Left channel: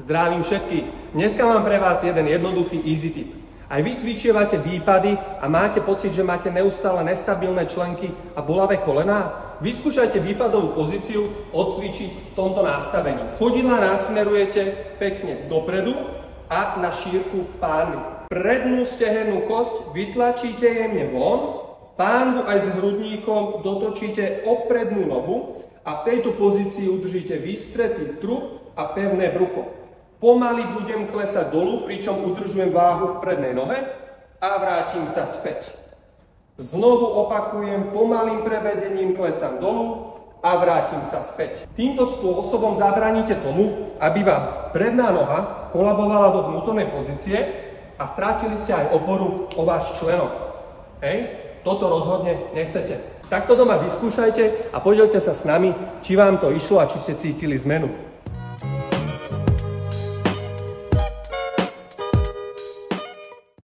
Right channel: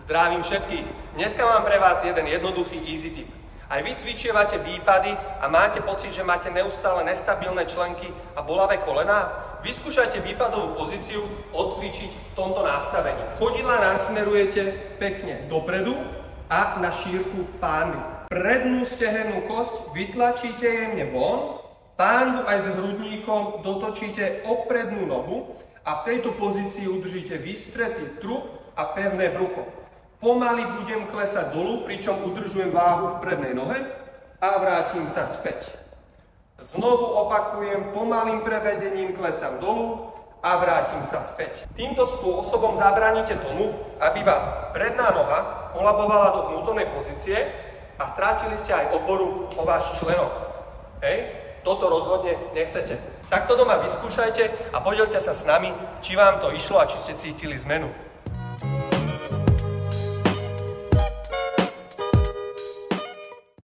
Zdravím všetkých. Dneska mám pre vás jeden jednoduchý easy tip. Aj vy cvičievate výpady a máte pocit, že máte neustále nestabilné členky a bolavé kolená? Vyskúšajte výpadovú pozíciu odcvičiť v tomto nastavení. Chodidlá nasmerujete pekne dopredu a na šírku pánvy. Prednú stehennú kosť vytlačíte jemne von, pánvu aj s hrudníkom dotočíte o prednú nohu a v tejto pozícii udržíte vystretý trup a pevné brucho. Pomaly budem klesať dolu, pričom udržujem váhu v prednej nohe a vrátim sa späť. Znovu opakujem, pomalým prevedením klesám dolu a vrátim sa späť. Týmto spôsobom zabránite tomu, aby vám predná noha kolabovala do vnútornej pozície a strátili ste aj oporu o váš členok. Hej? Toto rozhodne nechcete. Takto doma vyskúšajte a podielte sa s nami, či vám to išlo a či ste cítili zmenu.